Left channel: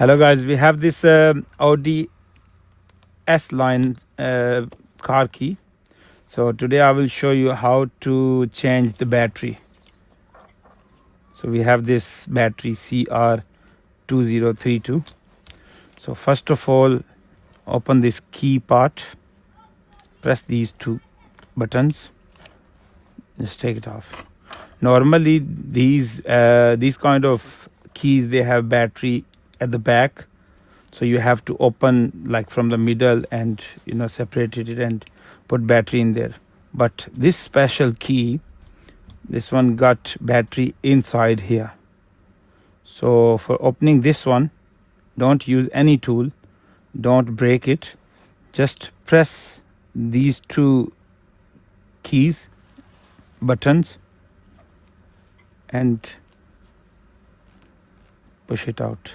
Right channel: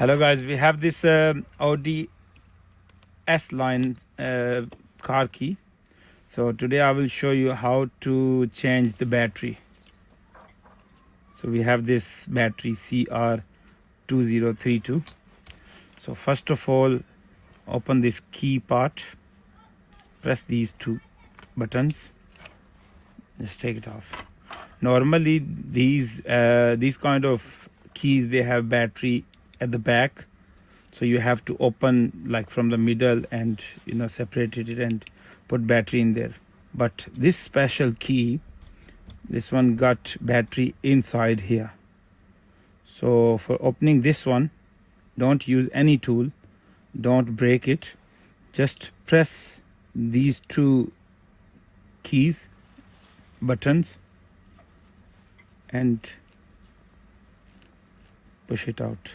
Hello guys, we have this Audi S line car key. So today I will show you how to change the battery. So we have this battery CR2032. So first of all, open this key part, press these two buttons, just take it off. Normally these kind of keys, they have battery at the back, so you have to open like from the middle and separate it and put battery in there. But this special key, this one got battery inside here. So for opening this one, don't use any tool, don't break it, just press these two keys buttons and push it out.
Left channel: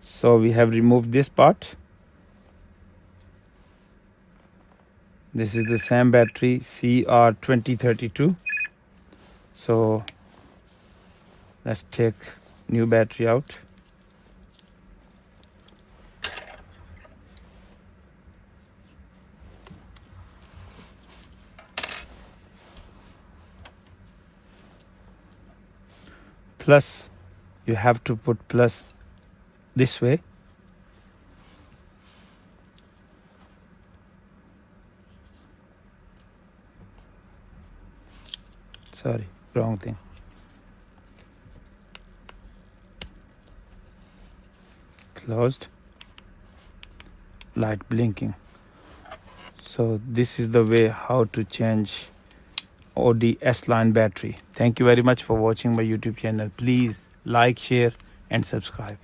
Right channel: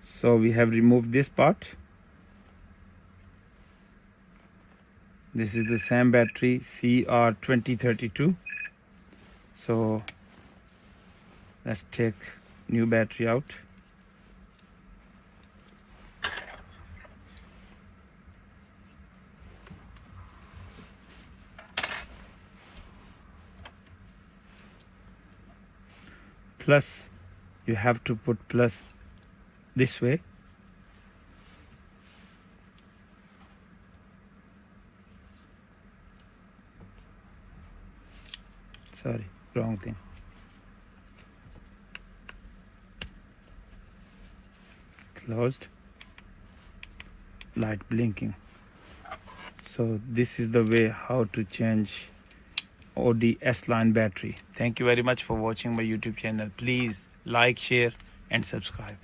So we have removed this part. This is the same battery CR2032. So let's take new battery out. Plus, you have to put plus this way. Sorry, wrong thing. Closed. Light blinking. So this is the way how to change Audi S-Line battery. Thank you very much for watching my YouTube channel. Please like, share and subscribe.